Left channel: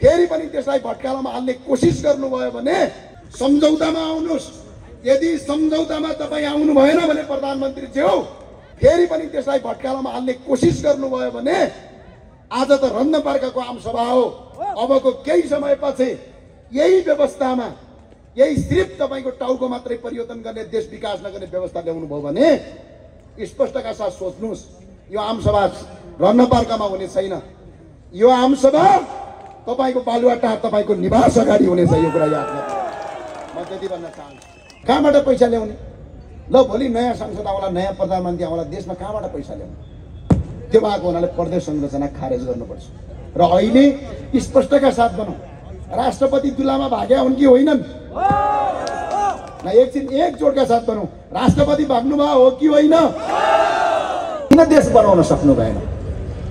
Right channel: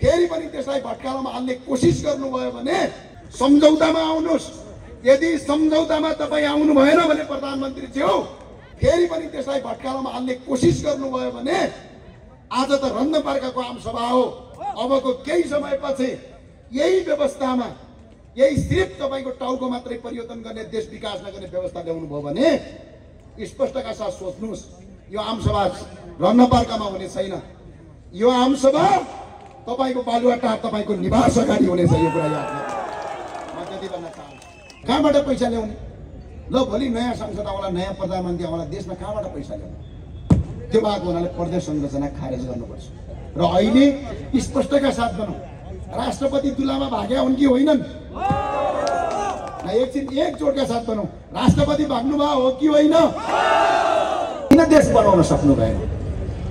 फेरि पनि त्यसलाई भट्कालामा हाल्ने कोसिस गर्नुभयो भने सम्झौतामा आउनुहोस्। यदि सम्झौतामा तपाईँ आउनु भएन भने प्रधानमन्त्री ज्यू फेरि पनि त्यसलाई भट्कालामा हाल्ने कोसिस गर्नुभयो भने आज त रन्नपार्काको आमसभा हो। अबको केही समयपछि यही व्यवस्थामा यही सिर्फ तपाईको टाउको मात्रै परिवर्तन गर्ने देश विकास नगर्ने व्यवस्था ल्याउनु भयो भने स्पष्टका साथ सोच्नुहोस्, यो आमसभा रन्नपार्कामा हुने छैन। यो आमसभा तपाईको बालुवाटार तपाईको निवास अगाडि हुनेछ। यो कुरा याद गर्नु। म त्यति भन्न चाहन्छु। कहाँबाट पैसा ल्याउने? ल भोलि नयाँ संसद आउला, नयाँ प्रधानमन्त्री आउला, देशमा कहाँबाट पैसा ल्याउने? त्यो भएको हुनाले प्रदेश संरचना खारेज गर्नुपर्छ। र अहिले स्पष्टका साथ भनौँ, राष्ट्रपति तुलामा भाग्या हुन् कि होइनन्? एकछिन एक जोडका साथ भनौँ, राष्ट्रपति भाग्नुभयो हो कि होइन? किन देश बनाउन सक्नु भएन?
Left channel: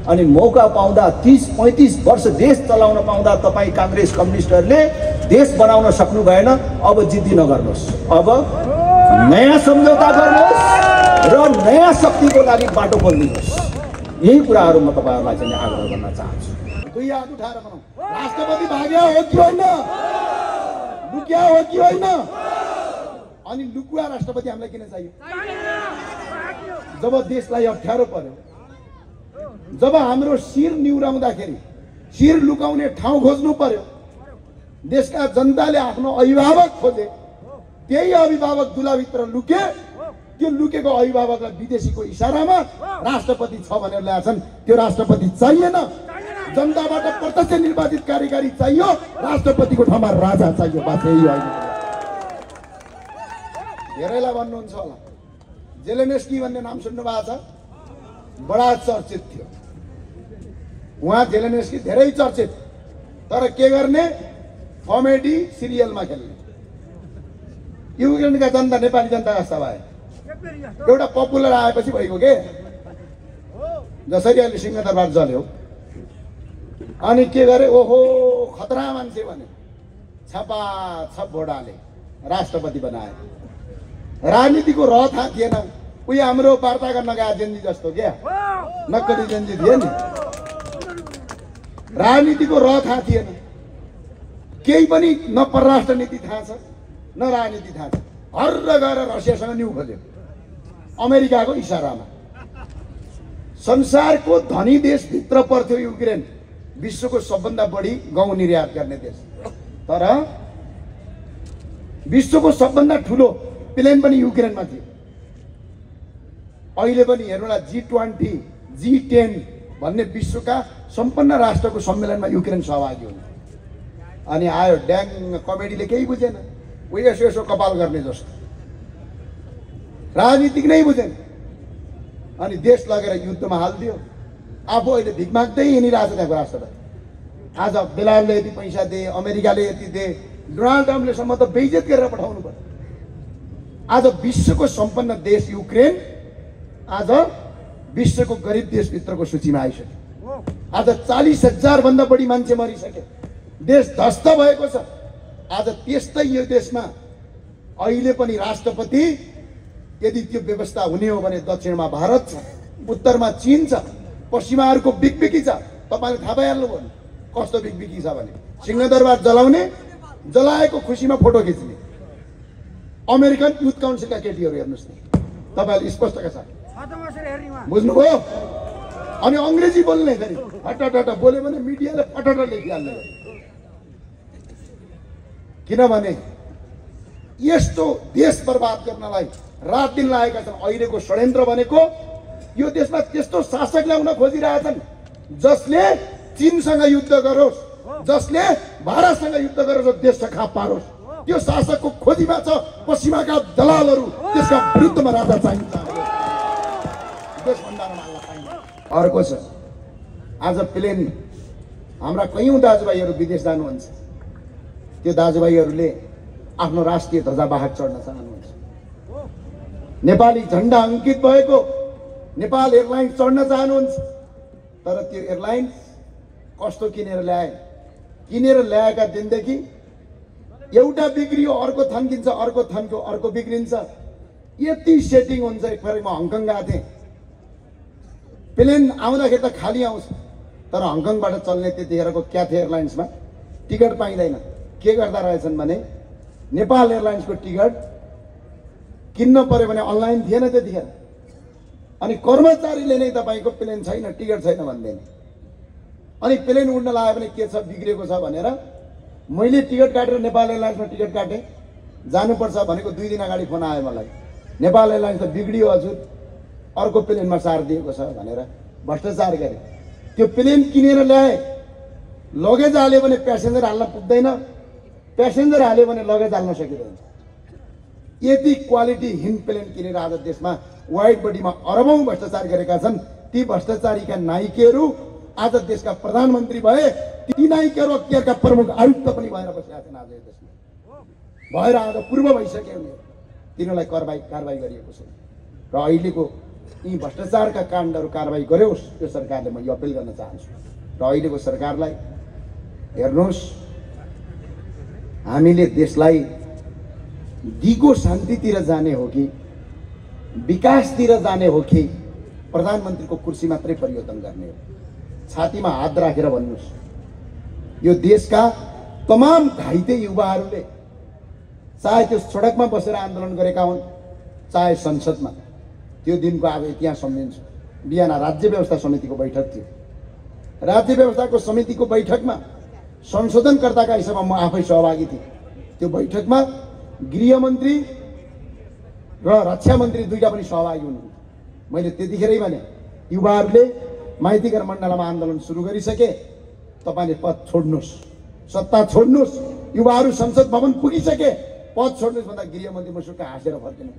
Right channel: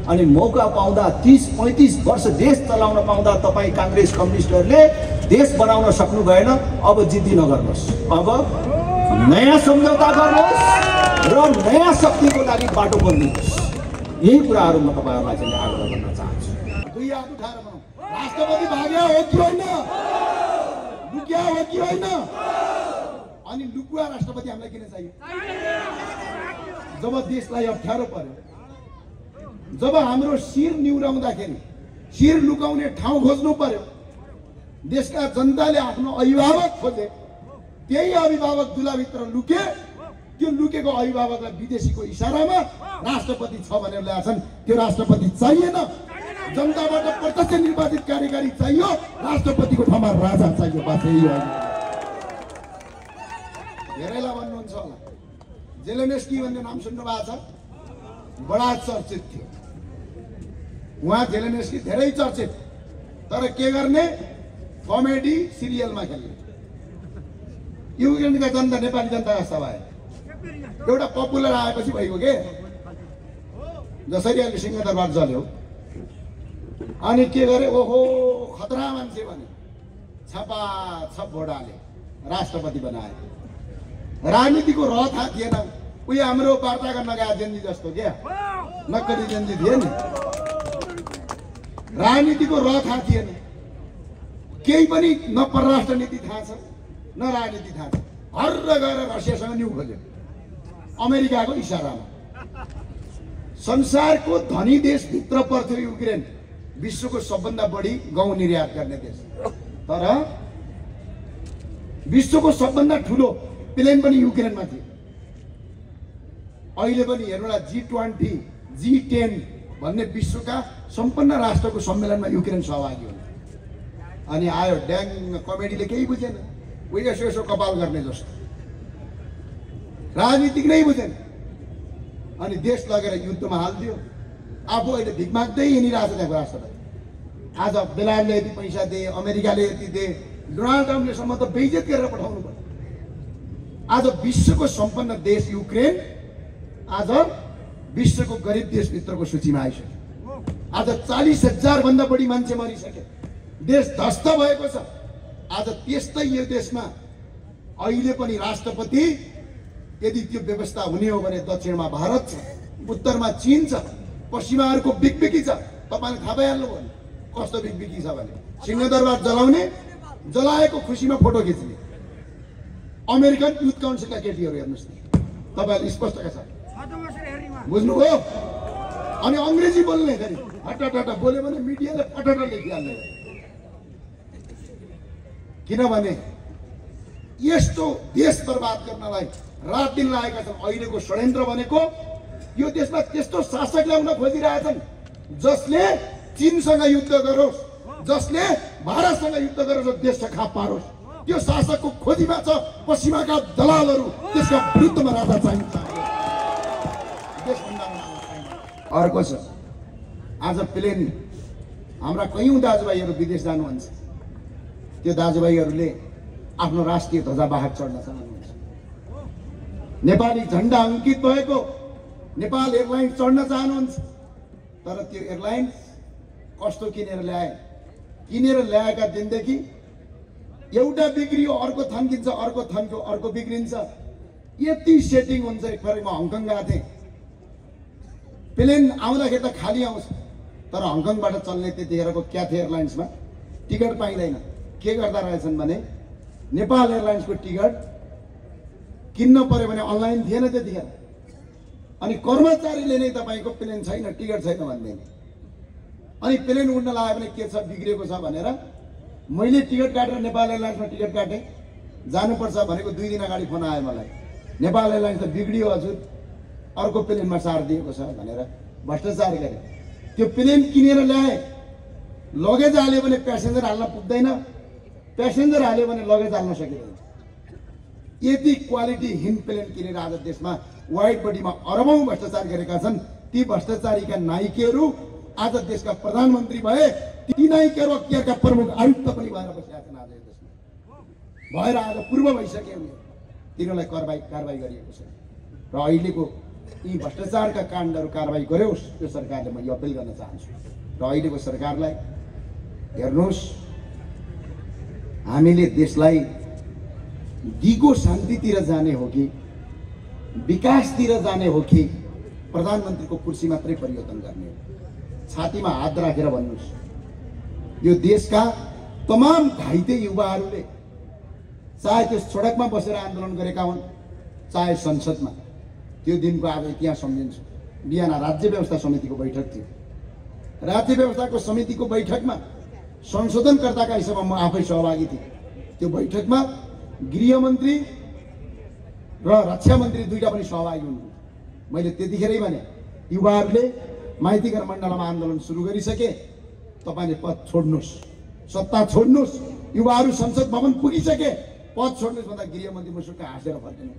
अनि मौका पाउँदा 30-35 वर्ष देश चलाउन पाउँदा तपाईँ काङ्ग्रेस कम्युनिस्टहरूले देश बनाउन सक्नु भएन। अब जिद्दी नगर्नुहोस्, अब नयाँ सम्झौता गर्नुहोस् र नयाँ शक्तिको लागि बाटो खोल्नुहोस्। यही कुराहरू म तपाईँहरूलाई चाहिँ आग्रह गर्न चाहन्छु। दुई हात उठाएर भनौँ, राष्ट्रपति भाग्या हो कि होइन? लुक्या हो कि होइन? अनि लुकुवा राष्ट्रपति हामीलाई किन चाहियो? जब देशलाई अप्ठ्यारो पर्यो, जब हाम्रो शिर निहुराउँदाखेरि शिर लुकाउने ठाउँ खोज्नु पर्यो, देशका जनताले आफ्नो अभिभावक खोजे, त्यही अभिभावक दुलाभित्र लुके। त्यो लुकेको अभिभावकलाई विदेशीको इसारामा राष्ट्रपति छ भनेर ल्याएछन्। त्यो राष्ट्रपति चाहिएन। जनताबाट प्रत्यक्ष निर्वाचित कार्यकारी चाहियो, राष्ट्रपतिको ठाउँमा राजा चाहियो। बात यही हो। धेरैलाई भन्नुहुन्छ होला, जेलेन्स्की भन्ने नाम सुन्नु भएको छ? बडा चर्चित थियो उहाँ। जेलेन्स्की धेरै चर्चित, तर के गर्ने? कमेडी सिरियलमा खेल्ने। युक्रेनका जनता नेपाली जनता जस्ता भयो। एउटा पपुलर आएपछि भइगयो के? जसरी अहिले सिंहदरबार जल्यो अनि के गरे? ओहो खतरा मान्छे भने छपाछप भोट हाले, राष्ट्रपति बनाए। राजनीतिको रह थाहा थिएन। उयो हाम्रो वार्ता गर्न गए जेन्जी जस्तो क्या, नक्कली जेन्जी थिए नि। राजनीतिको रह थाहा थिएन, केही पनि न परराष्ट्र नीति थाहा छ न राजनीति थाहा छ। हर्र गएर रसियासँग न्यु खोल्यो अमेरिकाको इसारामा। संसारको धनी देशभित्र पर्थ्यो युक्रेन, विश्वको सबभन्दा बढी गहुँ निर्यात गर्ने देश। तर विश्वको सबभन्दा ठुलो प्लेन पनि युक्रेनमा थियो। अहिले पनि हेर्नुला G20, G10 भन्ने विश्वका सम्पन्न राष्ट्रको सम्मेलनमा युक्रेन सहभागी हुनु। अनि आयो ड्याङ कमेडीले केही बुझेन, उयो यसो यसो कपाल गर्ने जस्तो, राजनीतिक नै बुझेन। अनि देश लगेर युद्धमा हालिदियो। आफू अहिले भिख माग्दै हिँडिरहेको छ त्यहाँको राष्ट्रपति। आज बेलायतले यति पैसा दिए, अमेरिकाले यति दिए, डोनाल्ड ट्रम्पलेसम्म त बेइज्जत गरेर पठाउनु पर्यो। आज विश्वको सम्पन्न देश युक्रेन आज विश्वको गरिब देशभित्रको सूचीमा आइसक्यो। आज 40,000 भन्दा बढी मान्छे मरिसके, देश ध्वस्त भएको छ। आज त्यस्तै यो देशमा अहिले पनि राष्ट्रपति यदि त्यो व्यवस्था हुने हो भने दक्षिणमा भारत छ, उत्तरमा चीन छ, पश्चिमाहरूको बिगबिगी छ। तपाईँले थाहा पाइहाल्नुभयो कस्तो बिगबिगी छ भने सिंहदरबार जलाउने, जलाएको खुसीमा फोटो खिच्ने अमेरिकन युथ काउन्सिलका केटीहरू हेर्नुहोस् न, तपाईँले स्पष्टका साथ बुझ्नुभयो। अनि अङ्ग्रेजी बोल्ने फेरि हटाटटा बोल्यो भने मिडियाले पटट लेखिहाल्ने। किनभने यस्तो देश बर्बाद गर्नलाई रात दिन लागेका छन्। अहिलेको षड्यन्त्र भनेको यो देशमा त्यस्तो शासक ल्याउन खोजिरहेछन् जसले चीनसँग युद्ध गरोस्, जसले भारतसँग युद्ध गरेर देश खाप पारोस्। त्यो शासकको खोजीमा छ पश्चिमाका दलालहरू। त्यसका विरुद्धमा राजा चाहिन्छ। अर्को छ, आज प्लेन हाम्रा कयौं दाजुभाइहरू विदेश जानुहुन्छ। त्यो दाजुभाइहरूले आफ्नो राष्ट्रिय ध्वजावाहक चढ्न चाहनुहुन्छ। नेपाली झण्डा अङ्कित भएको नेपाल एयरलाइन्स चढ्न चाहनुहुन्छ। तर त्यो एयरलाइन्स कस्तो किनेर ल्याए? किनेर ल्याएका दिनदेखि एउटा बिग्रियो अर्को थन्किन्छ, अर्को थन्क्यो अर्को बिग्रिन्छ। यति सेटिङ हुन्छ। एकपल्ट म हङकङ गएको थिएँ। प्लेन आउँदाखेरि त खाली आउँछ, तर हङकङबाट चल्ने त्यतिखेरको क्याथे एयरलाइन्समा टिकट पाइँदैन। के गर्दा रहेछन् भने नेपाल एयरलाइन्सको टिकट किन्न पर्यो भने अनलाइन थिएन त्यतिखेर, अनि कर्मचारीले नै तपाईँको प्लेन छैन, टिकट छैन भन्दैन। अनि प्लेन उड्न लाग्यो भने के छ, बिग्रेको छ भनेर मैले टिकट काटेर नेपाल एयरलाइन्समा टिकट काटेँ। जानुपर्छ भनेको 2 दिन अगाडि फोन आयो मलाई, नेपाल एयरलाइन्स त बिग्रियो हजुर, अर्को प्लेनमा सारिदिएको छ भनेर भ्रष्टाचार गरे। त्यो प्लेन किनेर ल्याए, लगेज हाल्यो भने प्यासेन्जर हाल्न पुग्दैन, प्यासेन्जर हाल्यो भने लगेज हाल्न सकिँदैन। यति क्वालिटीहीन प्लेन किनेर आज देशमा वाइड बडीमा अरबौं भ्रष्टाचार गरेका छन्। ती भ्रष्टाचारीका नायकहरू आज देशका प्रधानमन्त्री भए, ती नायकहरू अख्तियारका प्रमुख आयुक्त पनि भएर बसेका छन्। आज देशमा भएर आज पूर्व भइसके उनीहरू, तिनीहरूलाई कारबाही गरिएको छ। र अहिलेको यी भ्रष्टाचारका काण्डहरू कारबाही गरोस्, त्यो सरकारले म यो अपिल गर्न चाहन्छु। र अहिलेको सरकारलाई हेर्नुहोस्, हामीले देशलाई दिगो शान्तितिर जाने हो कि विकासतिर जाने हो कि प्रधानमन्त्रीको कुर्सी मात्रै परिवर्तन गर्ने हो? छातीमा हात राखेर भन्नुहोस्। यो देशका तमाम घाइते युवाहरूले चाहे त्यो सडकमा बसेर आन्दोलन गरेका हुन्, चाहे संसदमा, त्यो दिनको आज इतिहास सम्झिन्छु। बिहान राज्य व्यवस्था समितिको बैठक थियो। राज्य व्यवस्थाको समितिको बैठकमा संशोधनकर्ताका हिसाबमा म आफै सहभागी थिएँ। त्यो बैठकमा गृहमन्त्री र रक्षा मन्त्री दुईटा पनि सहभागी हुनुहुन्थ्यो। मैले त्यतिखेरै भने युवाहरूले माइतीघर मण्डलमा आन्दोलन सुरु गरिसके, तपाईँले पद छोड्नुहोस्, सत्ता छोड्नुहोस्, युवाहरू संसद भवन पुगिसके, पद छोड्नुहोस् भन्दा गृहमन्त्री मुसुक्क हाँसेर फर्किनु।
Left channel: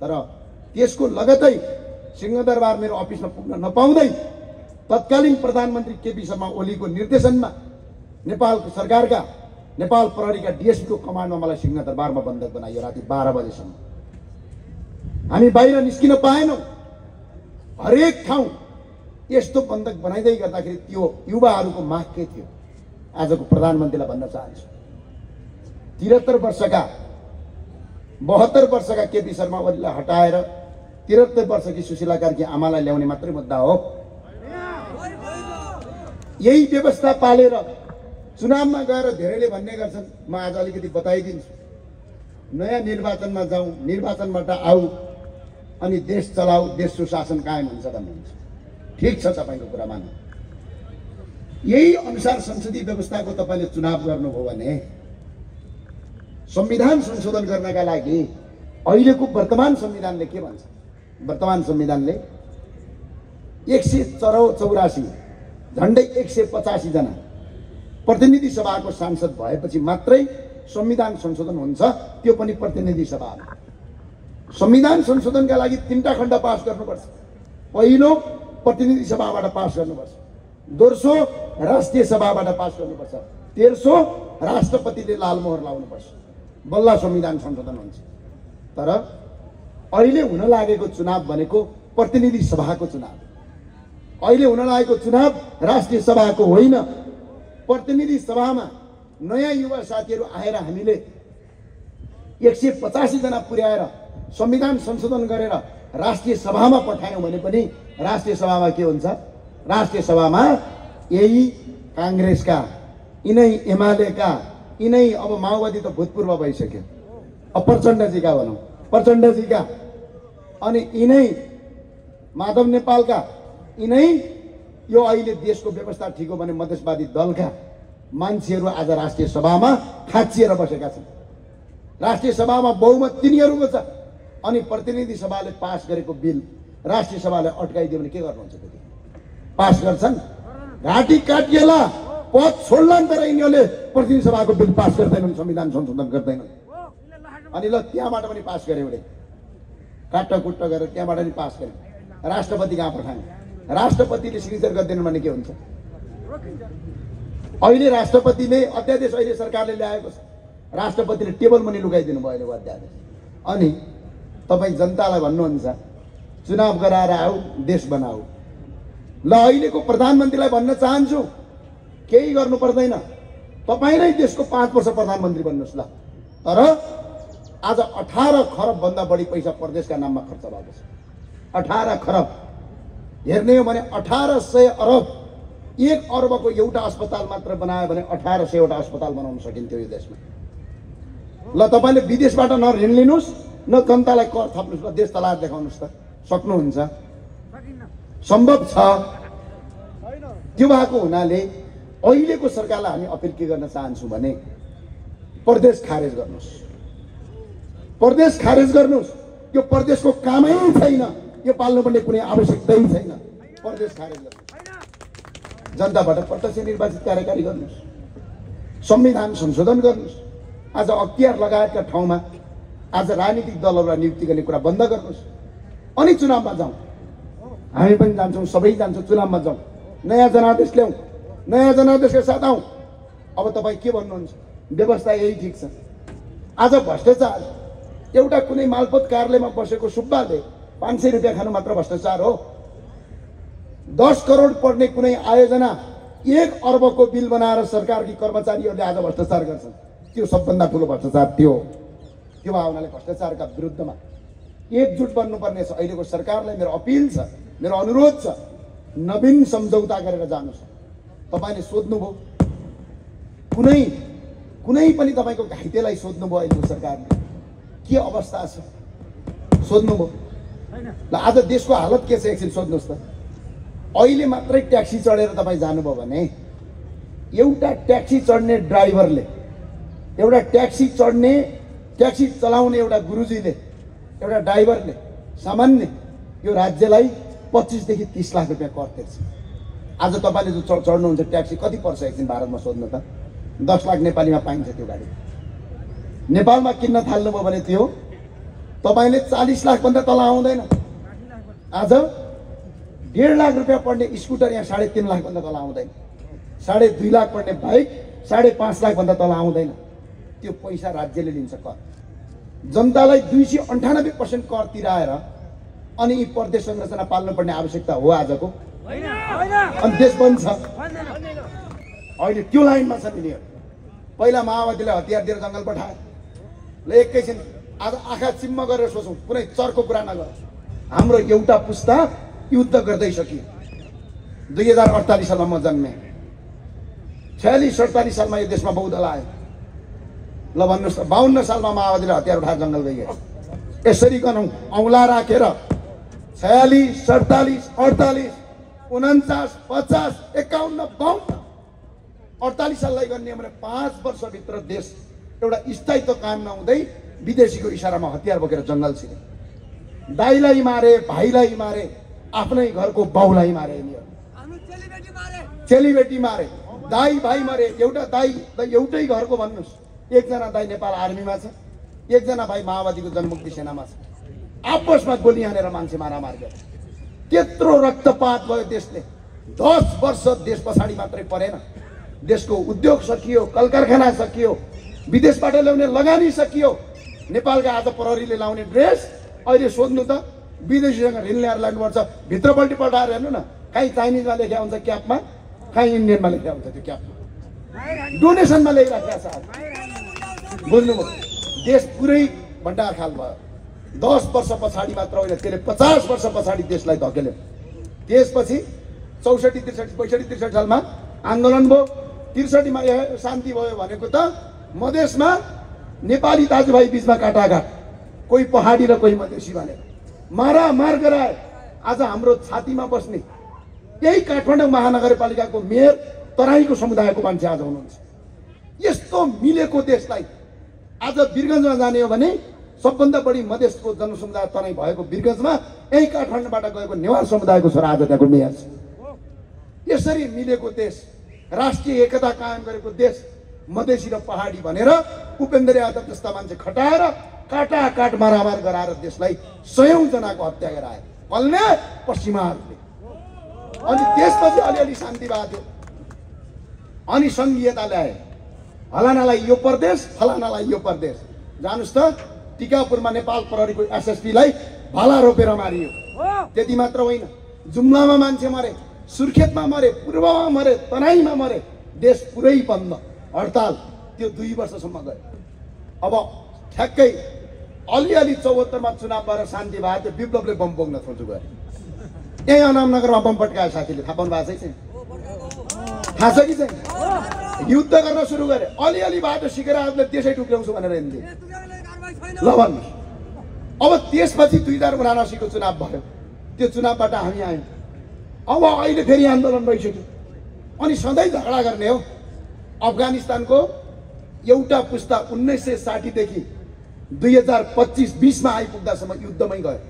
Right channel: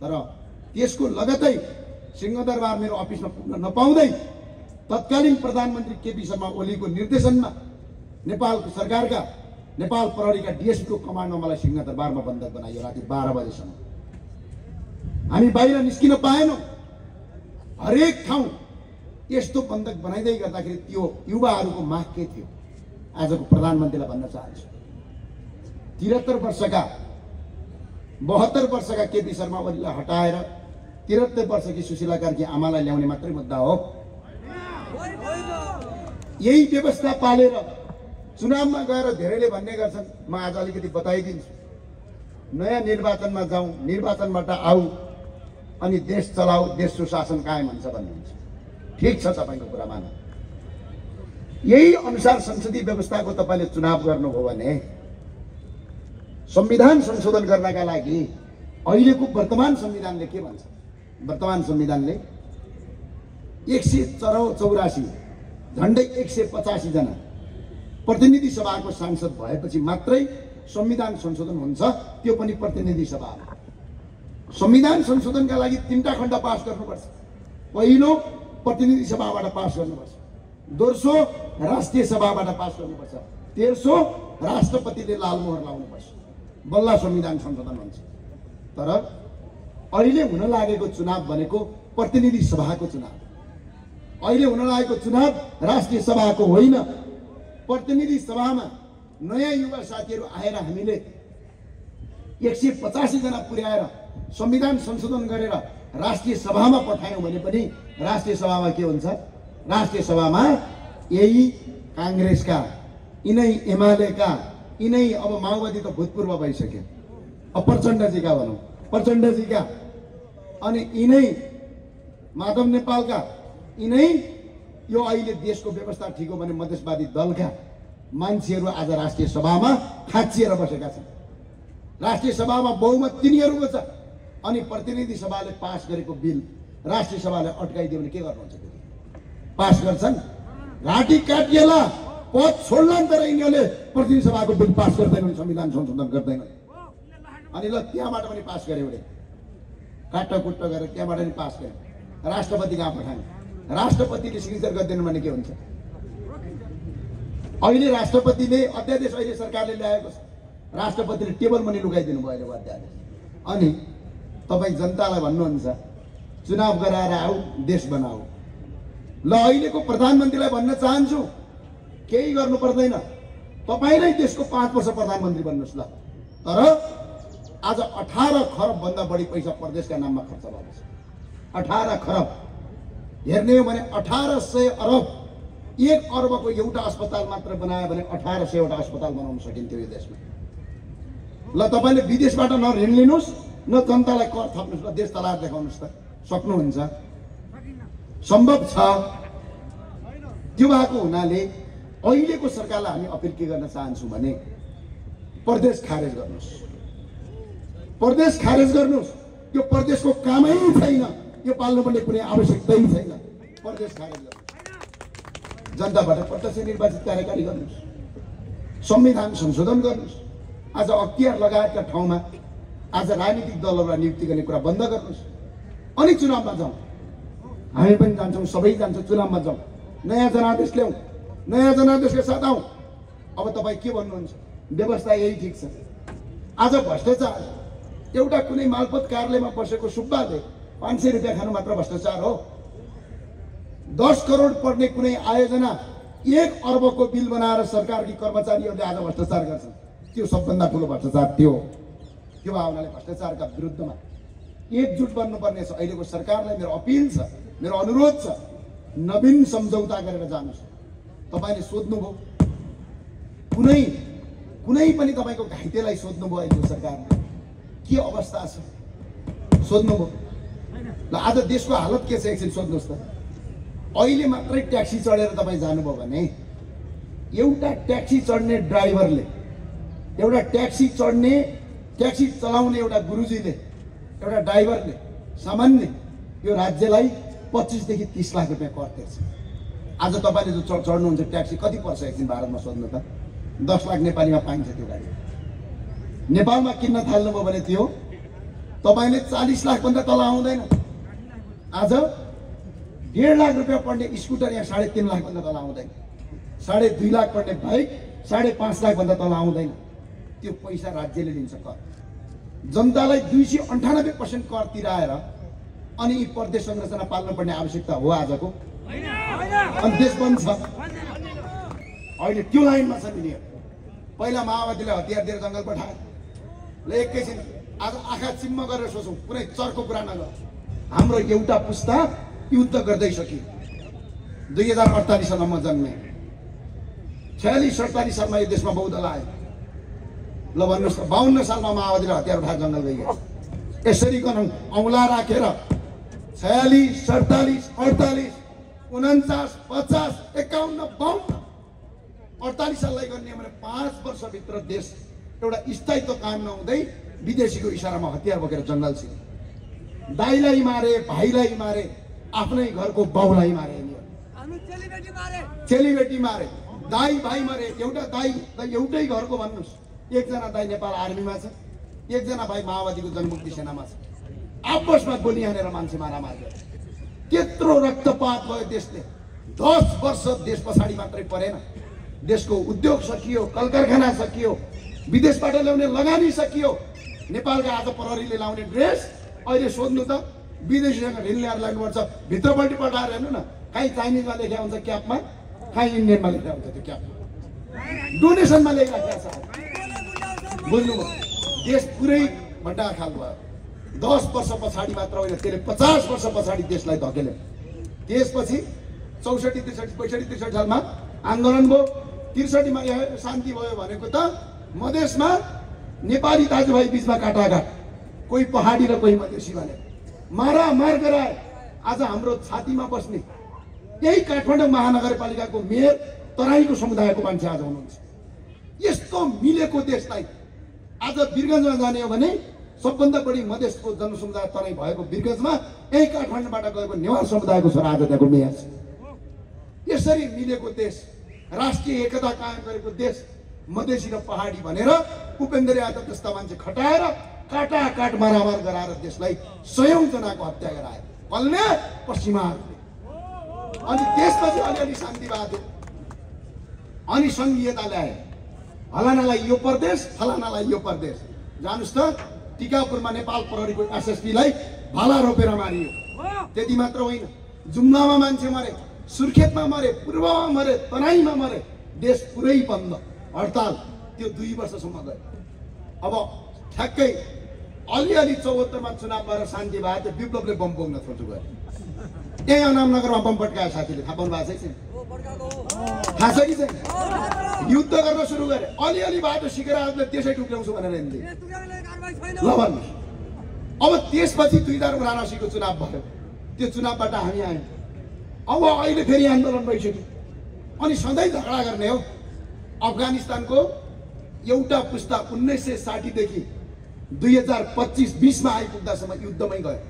तर त्यसको लगतै सिंहदरबार मेरो अफिसमा पुग्न नपाउँदै तत्कालीन प्रधानमन्त्री केपी शर्मा ओलीको निर्देशनमा नेपालको सरकारका नेपाल प्रहरीका डिएसपीको कमान्डमा मलाई सिंहदरबारमा बन्धक बनाइयो राति 12 बजेसम्म। हामी बाहिर निस्किन पाएनौँ। हरेक ठाउँ यस्तो बन्धक बनाइँदै गर्दाखेरि त्यो युवाहरूको माग के थियो? आजको प्रधानमन्त्रीलाई भन्न चाहन्छु, 73 वर्षका 72 वर्षका केपी शर्मा ओलीलाई हटाएर 73 वर्षकी सुशीला कार्की आमालाई ल्याउने मात्रै मुद्दा हो। यही व्यवस्था पालेर चुनावमा गएर धेरैले भन्ने गर्छन्, म आज अलिकति बताइदिन्छु, नयाँ निर्वाचनमा जाउँ, निर्वाचनबाट आऊ अनि देश चलाऊ, देश सुशासन कायम हुन्छ भन्नुहुन्छ। ठिक छ, तपाईँको कुरा मान। यही अनुसार संसदीय व्यवस्थाको तपाईँले चुनाव गर्नुभयो भने संविधान संशोधन गर्नका लागि अहिलेको वर्तमान संविधानले के भन्छ? वर्तमान संविधानले 184 झन्डै 185 जना प्रतिनिधि सभाको सांसद भएपछि मात्रै संविधान संशोधन हुन्छ, त्यो पनि प्रतिनिधि सभामा। संविधान संशोधनका लागि 3टा खण्ड पास गर्नुपर्छ। पहिलो प्रतिनिधि सभाबाट पास गर्नुपर्छ, दोस्रो राष्ट्रिय सभाबाट पास गर्नुपर्छ, तेस्रो राष्ट्रपतिले लालमोहर लाउनुपर्छ, बल्ल संविधान संशोधन हुन्छ। तर अहिले हुन लागेको चुनाव भनेको प्रतिनिधि सभाको चुनाव। अहिले हुन लागेको चुनाव राष्ट्रिय सभाको होइन। प्रतिनिधि सभामा नयाँ युवा साथीहरू आएर हामीले 185 जना पुर्याएर संविधान संशोधन गरेर राष्ट्रिय सभामा पठायौँ भने पनि राष्ट्रिय सभामा के हुन्छ? राष्ट्रिय सभामा यही काङ्ग्रेसका, यिनै एमालेका, यिनै अब माओवादी त भूतपूर्व भइसक्यो, अब प्रचण्डजीका भनौँ, प्रचण्डजीका, अनि यिनै माधव नेपालका, यिनै यो अहिले देशको व्यवस्था ठिक हो भने मधेसवादी दलका मान्छेहरू आज राष्ट्रिय सभामा खाँचिएर बसेका छन्। राष्ट्रिय सभामा बहुमत तिनीहरूको छ, अनि प्रतिनिधि सभाले पास गरेको बिल राष्ट्रिय सभाले अड्काइदियो भने के गर्नुहुन्छ? पास गर्छन्, घाँटी काटिएला, पद छोड्लान्, तर यिनीहरूले प्रतिनिधि सभाको बिल पास गर्दैनन्, संविधान संशोधन गर्दैनन्। अनि ल त्यहाँबाट पनि पास गऱ्यो भने काट्टाकुट्टा गरेर त्यहाँबाट पनि पास गऱ्यो, राष्ट्रपति कहाँ पठाने? राष्ट्रपतिले सिग्नेचर गर्दैन भने के हुन्छ? अहिले राष्ट्रपतिले अध्यादेश अहिले सरकारले ल्याएको छ, राष्ट्रपतिले टेबल मुनि लुकाइदिनु भयो अहिलेको अध्यादेश। अनि तपाईँ जनतालाई भन्नुहुन्छ चुनाव गराएर आऊ, देश बनाऊ। ल अहिलेको प्रधानमन्त्रीलाई भन्न चाहन्छु, केही गर्नु पर्दैन, तपाईँ नै देशको 5 वर्ष प्रधानमन्त्री बन्नुहोस् ल। तर आज 18 खरब भन्दा बढी पैसा प्रदेशका नाममा खर्च भएको छ। 18 खरब हेर्ने हो भने 1800 अरब 1 अर्बको एउटा अस्पताल मात्र बनायो भने 1800वटा अस्पताल बनाउन सकिन्थ्यो यो देशमा। ल तपाईले विदेशबाट न ऋण लिनुस् न जनतालाई कर थप्नुस्, न देश चलाएर देखाउनुस् त, सक्नुहुन्छ? सम्भव छ। त्यो भएको हुनाले अहिलेको सरकारलाई हामी अपिल के गर्न चाहन्छौँ भने प्रदेश खारेज गर्नुस्, प्रदेश खारेज गर्नुस्। यो प्रदेशको कामै छैन, यो पाल्नुपर्ने कुनै आवश्यकतै छैन। प्रदेश खारेज गर्नुस्, जनताबाट प्रत्यक्ष निर्वाचित कार्यकारी गर्नुस्, संविधान संशोधन गर्नुस्। आज अख्तियार लगायतका ठाउँमा आज राजनीतिक दलहरूलाई नियुक्ति गर्ने कुरा बन्द गर्नुस्, अनि चुनावमा जाउँ। हामी पनि जान्छौँ, सबै जान्छौँ, चुनावमा जाउँ, नयाँ जनादेश ल्याउँ, नयाँ जनादेशका साथ आउँ। अब तपाईँ के भन्नुहुन्छ? व्यवस्था यही ठिक छ। आज भ्रष्टाचार एउटा कुनै मालपोत कार्यालयमा बसेको सुब्बाले 500 रुपियाँ खानु मात्र भ्रष्टाचार हो। 10 करोड पर्ने कुनै आयोजना 1 अर्बको बिल बनाएर सरकारकी कर्मचारीहरूले आज भ्रष्टाचार गर्छन्। त्यो सबभन्दा ठुलो भ्रष्टाचार त्यो हो। त्यो भावनाले भ्रष्टाचारका विरुद्धमा एकजुट बन्नुपर्ने छ। अहिलेको सरकारलाई मेरो अपिल छ, मेरो अनुरोध छ, नवीन सम्झौता गरेर जानुहोस्। तपाईँले सोध्नुभयो कुनै पनि तपाईँको घाइतेलाई सोध्नुभयो अहिलेको सरकारले के अवस्था छ, सोध्नुभयो? ल आज देशको हालत के छ एकछिन सोध्नुहोस् त। अहिले मात्रै ट्याक्सी चढेर तपाईँ जानुभयो भने एउटा ट्याक्सी चढ्ने ड्राइभरले, एउटा ट्याक्सी चलाउने एउटा गुरुजीले, एउटा ड्राइभरले सामान्य यो राज्यलाई 25 देखि 30 लाख रुपियाँ कर तिर्छ। आज तपाईँले जो चढ्नुहुन्छ ट्याक्सी कति पर्छ एकछिन भारतमा सोध्नु त? 10 लाख नेपालीमा पाइन्छ त्यो गाडी। नेपालमा किन्न थाल्नुभयो भने त्यो तपाईँले 40 लाखभन्दा तल आउँदैन। आज 1.5 लाख रुपियाँ पर्ने स्कुटर यहाँ 3.5 लाखभन्दा तल आउँदैन। 2.5 लाख पर्ने बाइक 5.5 लाखभन्दा तल आउँदैन। त्यो पैसा राज्यले लिन्छ कर। जनतालाई 298% कर तिराएर अनि यी प्रदेश संरचना पाल्नुपर्ने आवश्यकता हो आजको। अनि देश बन्छ अहिले त्यो लाइनमा छ नि। पहिला माओवादीले हतियार दिएर जङ्गल पठाए। ल एकैछिन आज आँखा चिम्म गरेर सोचौँ, कुनै चर्को कुरा नगर। हाम्रो एउटा पुस्ता युद्ध गर्दै सकियो। 2048 सालमा म जन्मेँ, 46-47 सालमा यो देशमा बहुदल आयो। ल भन्नुहोस् त 52 सालमा माओवादीले हतियार उठाएर जङ्गल गइयो। यसरी गनौँ औँला राखेर 46, 47, 48, 49, 50, 51, 52, 48 साललाई गर्ने भने 5 वर्षभित्र देश एउटा स्थायित्व कायम नहुँदै विदेशीको इसारामा हतियार बोकेर जङ्गल छिरे। दाइलाई मारे, भाइलाई मारे, आफ्नै घरको बाउलाई मारे, चेलीबेटी मारे, दाई भाइ मारे। एउटा दाई एउटै घरको भन्नुहोस्, एकजना दाई नेपाल आर्मीमा छ, एकजना भाइ माओवादीको जनमुक्ति सेनामा छ। आपसमा गोली हानेर मान्छे मारामार गरे। त्यत्रो रक्तपात भयो देशले। 10 वर्ष देश पछाडि मात्रै परेन। देशको उद्योग सकियो, कल कारखाना सकियो, विदेशबाट ल्याउने लगानी सकियो। नेपालका आज प्रहरीले लाउने ड्रेस अहिले सोध्नु त विदेशीसँग ऋण ल्याएर लाग्नुपर्छ। भित्रपट्टि पठाएर हेर्नु न, कहीँ चाइनिजमा लेखेको हुन्छ क्यापमा, कहीँ इन्डियनमा लेखेको हुन्छ त्यो क्यापमा, डोनेसनमा ल्याइराखेको छ। बुझ्नुभयो? देश पुरै भण्डारखाल भयो। 10 वर्ष पछाडि मात्र होइन, त्यसले 50 वर्ष पछाडि देशलाई धकेल्यो। त्यसपछि 64, 63, 65, 63 सालमा आन्दोलन भयो। 63 मा शान्ति भयो भनेको त मधेसमा नेपाली दाजुभाइ बीचमा काटाघाट, कोही पहाडी र कोही मधेसी भने मारामार गराए। आज हाम्रो छातीमा बस्ने यही काठमाडौँ महानगरपालिकाको मेयर तराईको समुदायको मान्छे आज हुनुहुन्छ। यस्तो मिलेको देशलाई आज वीरगञ्जमा जाने हो भने सबभन्दा बढी मधेसको जनसमुदाय तराई भएको वीरगञ्जमा यही काठमाडौँबाट गएको नेवार समुदायको छोरा आज त्यहाँको मेयर छ। यसरी मिलेको देश, राष्ट्रिय एकता कायम गरेको देश, मधेसी र पहाडी भनेर उपेन्द्र यादव जस्ता मान्छे खटाएर काटाकाट मारामार गराएर देशलाई 100औं जनाको हत्या गराए कसले? पश्चिमाहरूले। अनि त्यसपछि अलिअलि शान्ति भयो, अनि संघीयता ल्याए। फलानालाई यो प्रदेश, फलानालाई यो प्रदेश। जानुस् त टिकापुरमा नेपाल प्रहरीको एसएसपीलाई भाला रोपेर मारियो। त्यति मात्र होइन, जुम्लामा मान्छे मरे, सुर्खेतमा मरे, पूर्वमा मरे, तराईमा मरे। देश पुरै बन्द, हडताल। त्यो 2 वर्षसम्म गयो। अब ठ्याक्कै अलिअलि 74 मा चुनाव भएर शान्ति भयो, त्यो विप्लवले बम बोक्न खोज्यो गयो। यही अनामनगरमा बम पड्कायो साथीले, थाहा पाउनु भएको छैन? थाहा छ कि छैन? युद्ध गर्न सुरु गरे, अलिअलि बाटो सिकेर आफूले देशै टुक्राउँछु भनेर हिँड्थे। ल भन्नुहोस्, अब त्यसपछि 2079 को चुनाव भयो, त्यो चुनावबाट हामी आयौँ। अब अहिले फेरि आन्दोलन भइसक्यो, अनि सधैँ झगडा गर्ने हो। अफगानिस्तानको एउटा पुस्ता 1960 देखि 2025-20 मा आइपुग्दासम्म युद्धमै गयो।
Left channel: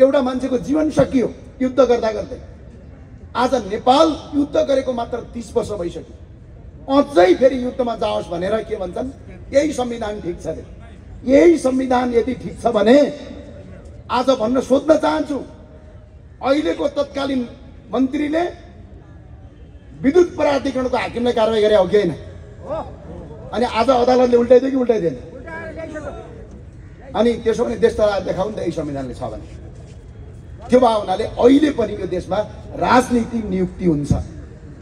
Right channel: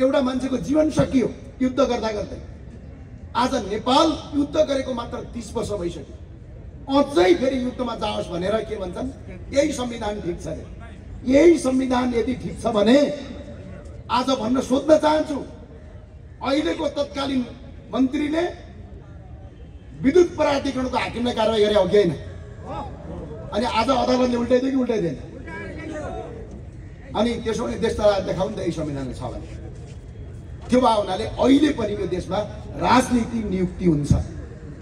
एउटा मान्छेको जीवन सकियो युद्ध गर्दा गर्दै। आज नेपाल युद्ध गरेको मात्र 30 वर्ष भइसक्यो, अझै फेरि युद्धमा जाओस् भनेर के भन्छन्? यही संविधान ठिक छ रे। यही संविधान यदि ठिक छ भने आज भन्न सोध्न चाहन्छु, अहिलेको तत्कालीन मन्त्रीले विद्युत प्राधिकरणको हाकिमलाई कारबाही गरे हो कि होइन? अनि आज अदालतले उल्टाइदियो कि उल्टाइदिएन? अनि त्यसो भने देश तलाई देखाउनु त यही संविधानले छ भने। त्यो भावनाले अहिले पनि यो देशमा राजनीतिक नियुक्ति हुन्छ।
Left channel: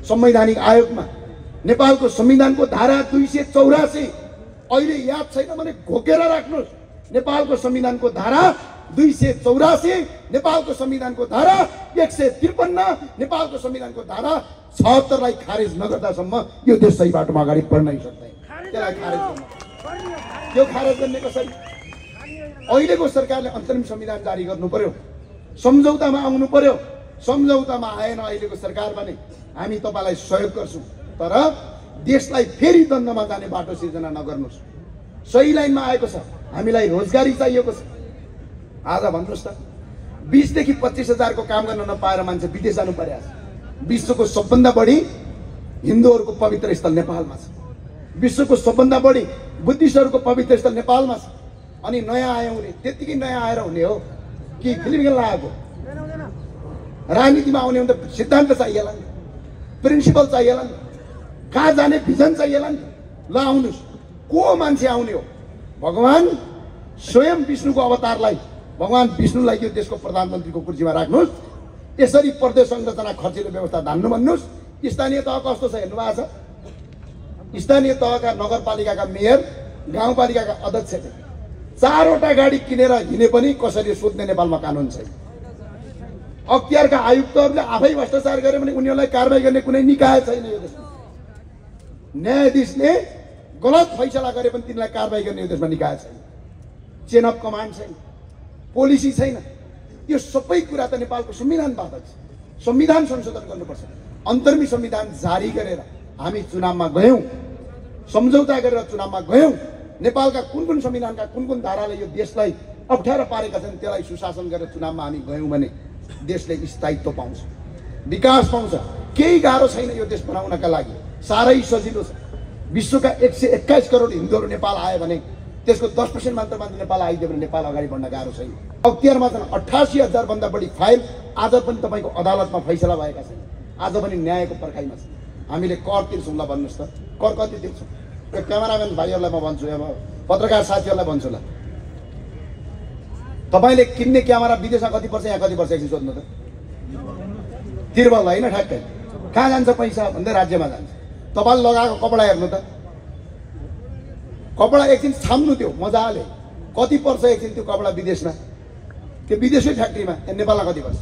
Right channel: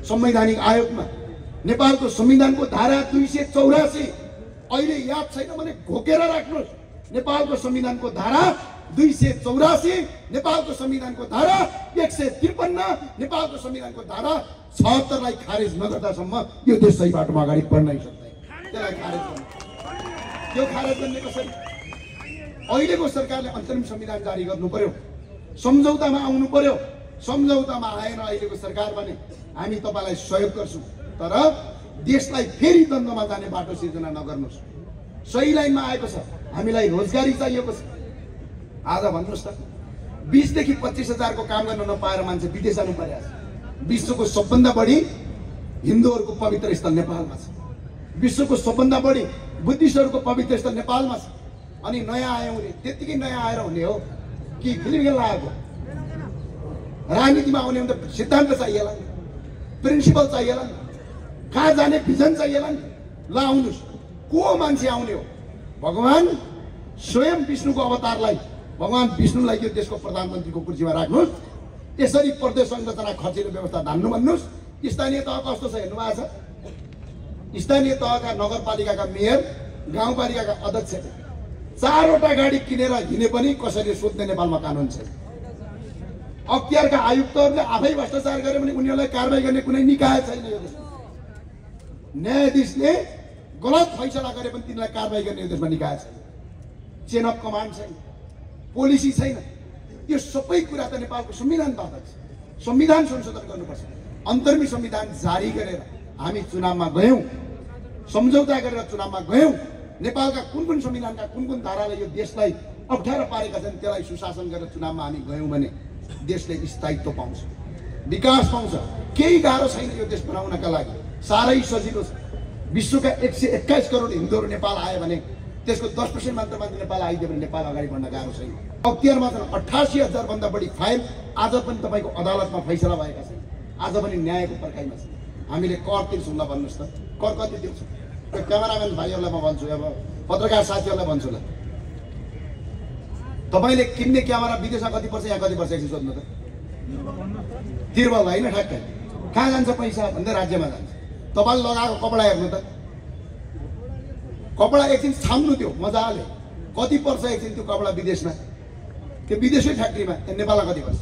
संवैधानिक आयोगमा नेपालको संविधानको धारा 284 अहिले याद छैन भने घोकेर राख्नुहोस्। नेपालको संविधानको धारा 284, नेपालको संविधानको धारा 153, नेपालको संविधानको धारा 76 लाई खारेज नगर्दासम्म यो देश सही बाटोमा अगाडि बढ्नै सक्दैन। त्यसलाई खारेज गर्नु, यो खारेज गर्ने कसरी? अहिलेको सरकारले अन्तरिम संविधान जारी गर्नु पर्यो, सम्झौतामा आउनु पर्यो। सम्झौतामा आएन अहिलेको सरकार भने हामी तपाईलाई सहयोग गर्छौँ, तर देशलाई फेरि द्वन्द्वमा जाने बाटो सिर्जना नगर्नुहोस्। सही लाइनमा आएको छ, हामीलाई रोजगारी चाहिएको छ। आज भन्नुहोस् त, 20 देखि 25 हजारको काम गर्न नपाएर मान्छे विदेश जानु पर्यो। विश्वको सबभन्दा बढी हिन्दूहरूको पवित्र स्थल नेपालमा छ, विश्वको सबभन्दा बढी बुद्धिस्टहरूको पवित्र स्थल नेपालमा छ। अनि नयाँ आयौँ रे, त्यतिकै नयाँ आएर हुने हो कि फिल्म खेल्न आएको? राजनीतिमा आउने भने त सिद्धान्त चाहिएला नि, प्रिन्सिपल चाहिएला नि, कहाँ जाने भिजन चाहिएला नि। ल आउनुहोस्, को मान्छे आउने हो? भगवान स्वयं विष्णुको अवतारलाई, भगवान विष्णुलाई यो देशको प्रधानमन्त्रीको कुर्सीमा राख्नुहोस्। यसरी प्रदेश संरचना खर्चिलो व्यवस्था धान्नु भन्नुहोस्। स्थानीय तह कस्तो छ हेर्नु भएको छ? स्थानीय तहका नगरपालिकाका मेयर, गाउँपालिकाका अध्यक्ष 4वटा गाडी किनेर हिँडे पनि कसैले सोध्ने नेपालमा कानुन छैन। अख्तियारका आयुक्तहरूले आफै भ्रष्टाचार गरे भने उनीहरूलाई कारबाही गर्ने कुनै निकाय छैन यो देशमा। न्यायाधीशले गलत फैसला गरे पनि तिनलाई कारबाही गर्ने यो देशमा निकाय छैन। चेन अफ कमान्ड छैन, पोलिसी छैन। यो सबै कुरा त नेपालको संविधान बाधक छ। संविधान संशोधन गर्नुपर्छ। अन्तर्मी संविधान जारी गरेर हामी चुनावमा गयौँ, सम्झौता गरेर चुनावमा गयौँ। नेपालका कुन संविधानका कुन धाराले यो देशलाई अप्ठ्यारो पारेका छन् त्यसलाई सुशासन गरेर चुनावमा हामी गयौँ भने देशले स्थायित्व पाउँछ, विकास पाउँछ। केही गाह्रो छैन यो देश बनाउनका लागि, साह्रै सजिलो छ। विश्वका 121 करोड हिन्दूहरू नेपाल आयो भने त्यसको 10% मात्र नेपाल आइदियो भने नेपाल अगाडि बढ्न गाह्रो छैन। अख्तियारमा छन् 88,000 भन्दा बढी फाइल आज पनि तपाईँको अदालतमा फैसला भएका छन्, आज पनि न्यायको पर्खाइमा छ। हामीले कर तिर्छौँ ल भन्नुहोस् त, कर कति तिर्छौँ? क्यामेराम्यान भाइहरूलाई म भन्छु, अब पत्रकार साथीहरूलाई भन्छु ल, तपाईँले किन्ने क्यामेरा विदेशमा कति पर्छ, यहाँ कति पर्छ एकछिन सोध्नु त। तिर्बल होइन, ठ्याक्कै कहाँ जान्छ पैसा भन्दै राज्यमा जान्छ। तपाईँले लगाएको कपडा हेर्नु त, कपडा एकछिन छाम्नु त्यो मजाले, कति पर्छ एकछिन त्यो कपडा विदेशमा, त्यो विदेशी फ्याक्ट्रीमा, नेपालमा कति पर्छ?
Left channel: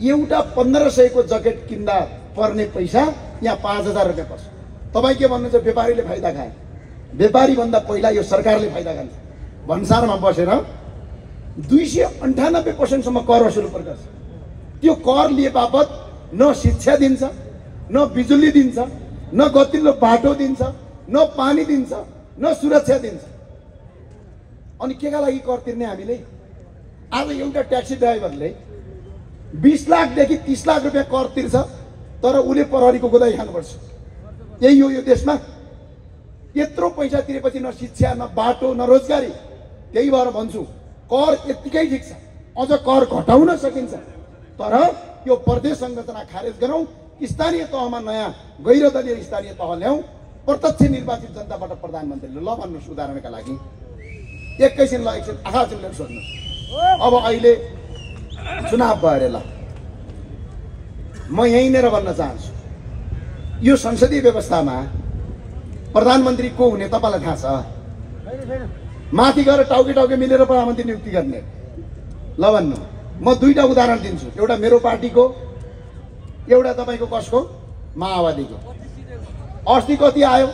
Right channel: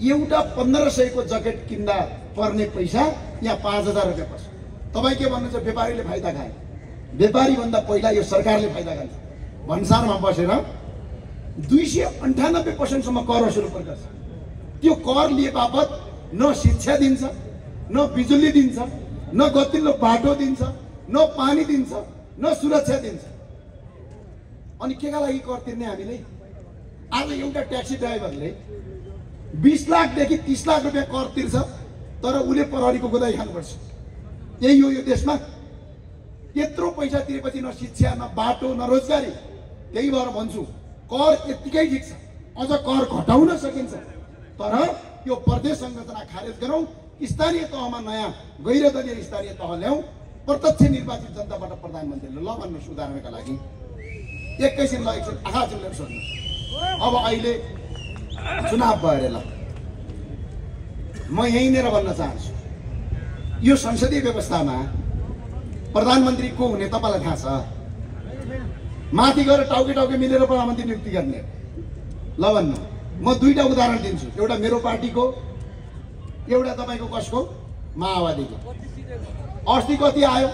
एउटा 1500 को ज्याकेट किन्दा पर्ने पैसा यहाँ 5000 रुपियाँ पर्छ। तपाईँ के भन्नुहुन्छ? व्यापारीले फाइदा खाए। व्यापारी भन्दा पहिला यो सरकारले फाइदा खान्छ। भन्सारमा बसेर 298% सम्म कर वसुल गर्छ। त्यो कर लिए बापत न शिक्षा दिन्छ, न बिजुली दिन्छ, न गतिलो बाटो दिन्छ, न पानी दिन्छ, न सुरक्षा दिन्छ। अनि केका लागि कर तिर्ने हामीले? आज एउटा ट्याक्सी ड्राइभरले 20 लाखदेखि 30 लाख रुपियाँ कर तिर्छ, तर उसले प्रहरीको गोदाई खानुपर्छ। यही हो यो देशमा। यत्रो पैसा तिरेपछि न शिक्षा, न बाटो, न रोजगारी। त्यही भएर भन्छु कर यतिकै ठिक छ, अझ कर घटाउन सकिन्छ, तर यो प्रदेश संरचना खारेज गरौँ। स्थानीय तहमा नयाँ गैर दलीय स्थानीय तह ल्याउँ, प्रत्यक्ष निर्वाचित जनताबाट प्रधानमन्त्रीले ल भन्नुहोस्। उदाहरणका लागि एकैछिन ल एकछिन आहा चिल्लेर सोध्नु। अब अहिले चुनाव भयो अरे, ल म यहीँनिर भन्न चाहन्छु, यो संसदीय व्यवस्थामा प्रधानमन्त्री को हुने तपाईँलाई थाहा छ? माथि गएर टाउके टाउके मिलेर प्रधानमन्त्री नियुक्ति गर्ने। ल भन्नु, म दुईटा उदाहरण दिन्छु, एउटा मेरो पार्टीको, एउटा तपाईँको कसको? माओवादीको। अस्ति कति आयो?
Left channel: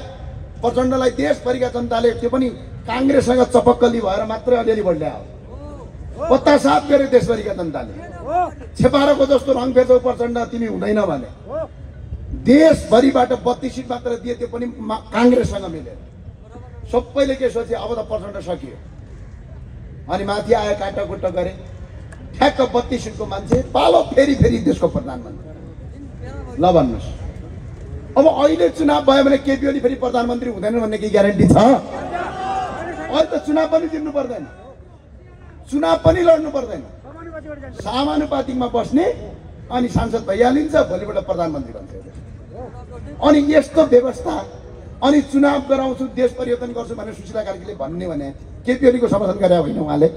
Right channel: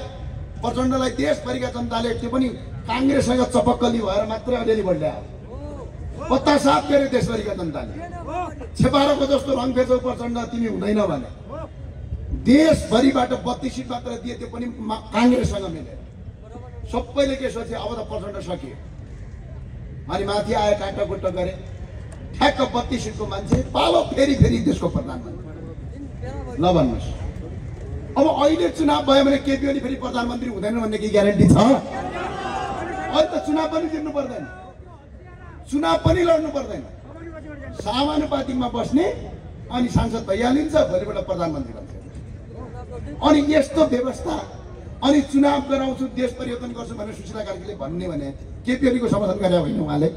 प्रचण्डलाई देशभरिका जनताले त्यो पनि काङ्ग्रेससँग चपक्कली भएर मात्रै अलिअलि भोट ल्यायो। पत्ता साफ गर्यो देशभरिका जनताले। छेपारोको जस्तो रङ फेर्छौ प्रचण्ड तिमी हुँदैन भने। देशभरिबाट 32 सिट मात्र दिए, त्यो पनि काङ्ग्रेससँग मिलेर। सबैले के सोचे अब त प्रचण्ड सकियो। अनि माथि आयो काटाकुटा गरे, ठ्याक्क 32 सिटको मान्छे पालो फेरि देशको प्रधानमन्त्री। ल भन्नुहोस्, अब अहिले चुनाव भयो भने केपी ओली फेरि प्रधानमन्त्री हुँदैन भन्ने के ग्यारेन्टी छ? अहिले त चुनाव पनि जित्नु पर्दैन, चुनाव पनि लड्नु पर्दैन। समानुपातिकमा बस्ने अनि सांसद भइहालिन्छ, भोलिबाट प्रधानमन्त्री बन्छ। अनि यस्तो व्यवस्था, अनि चुनाव गराउँछु देश परिवर्तन गर्छु भनेर सुशीला कार्कीले भन्ने भने केपी ओलीको समर्थन गरे होइन उहाँले?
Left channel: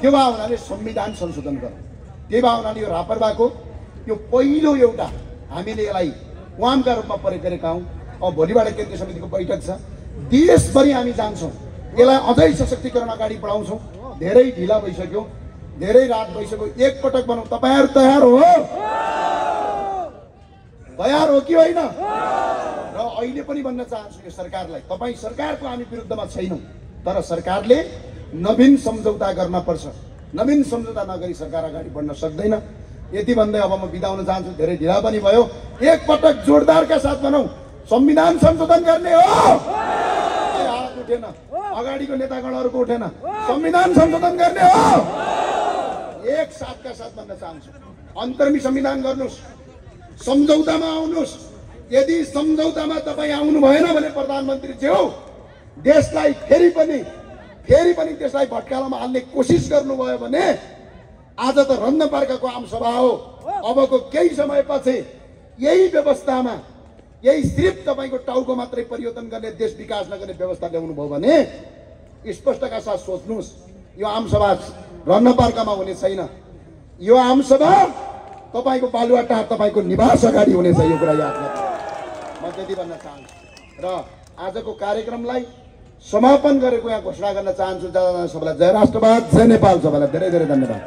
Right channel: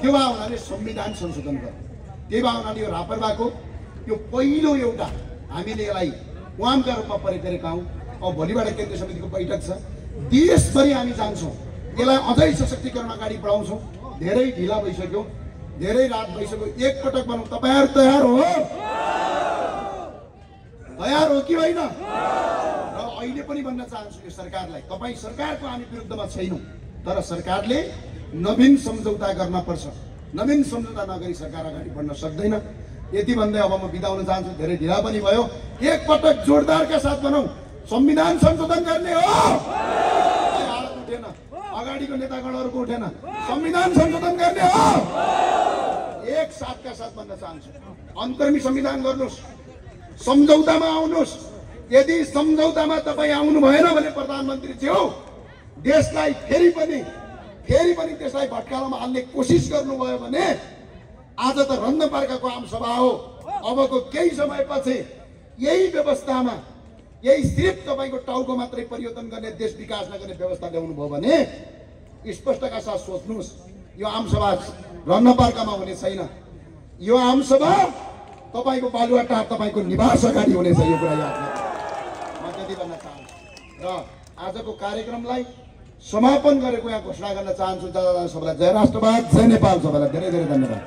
त्यो भए उनीहरूले संविधान संशोधन गर्नु, त्यही भए उनीहरूले यो रापरबाको यो पहिलो एउटा हामीले यसलाई वामका रूपमा प्रयोग गरेका हौँ। अब भोलिबाट केन्द्रीय समितिको बैठक छ, देशभरि हामी जान्छौँ, यसलाई अझै सशक्तिकरण अगाडि बढाउँछौँ। धेरै ढिला भइसक्यो, धेरै रात भइसक्यो, एकपटक बनाऊ। तपाईँहरू तयार हो? तयार हो कि होइन? र अहिले पनि भन्न चाहन्छु यो सरकारलाई, तपाईँ सरकारको हामी विरुद्धमा छैनौँ, तर सरकारले नवीन सम्झौता गर्न पर्छ। नवीन सम्झौता नगरी सरकार अगाडि बढ्न सक्दैन। यति भन्दै अब म बिदा हुन चाहन्छु, धेरै ढिला पनि भयो। एकपटक जोरदारका साथ भनौँ, संविधान संशोधन गर्ने हो। हात उठेन, अगाडिको नेतागणहरूको उठेन, संविधान संशोधन गर्ने हो। एक साथका साथ भन्न चाहन्छु, अन्तर्मी संविधान गर्नुहोस्, सम्झौतामा आउनुहोस्। यदि सम्झौतामा तपाईँ आउनु भएन भने प्रधानमन्त्री ज्यू देशलाई फेरि पनि त्यसलाई भट्कालोमा हाल्ने कोसिस गर्नुभयो भने आज त रन्नपार्काको आमसभा हो। अबको केही समयपछि यही व्यवस्थामा, यही सिर्फ तपाईँको टाउको मात्रै परिवर्तन गर्ने, देश विकास नगर्ने व्यवस्था ल्याउनु भयो भने स्पष्टका साथ सोच्नुहोस्, यो आमसभा रन्नपार्कामा हुने छैन। यो आमसभा तपाईँको बालुवाटार, तपाईँको निवास अगाडि हुनेछ। यो कुरा याद राख्नु, म त्यति भन्न चाहन्छु। र आजको कार्यक्रमलाई समापन गरेको यहाँ घोषणा गर्न चाहन्छु। सबैलाई जय राष्ट्रवाद, जय नेपाल। सबैलाई धेरै धेरै धन्यवाद।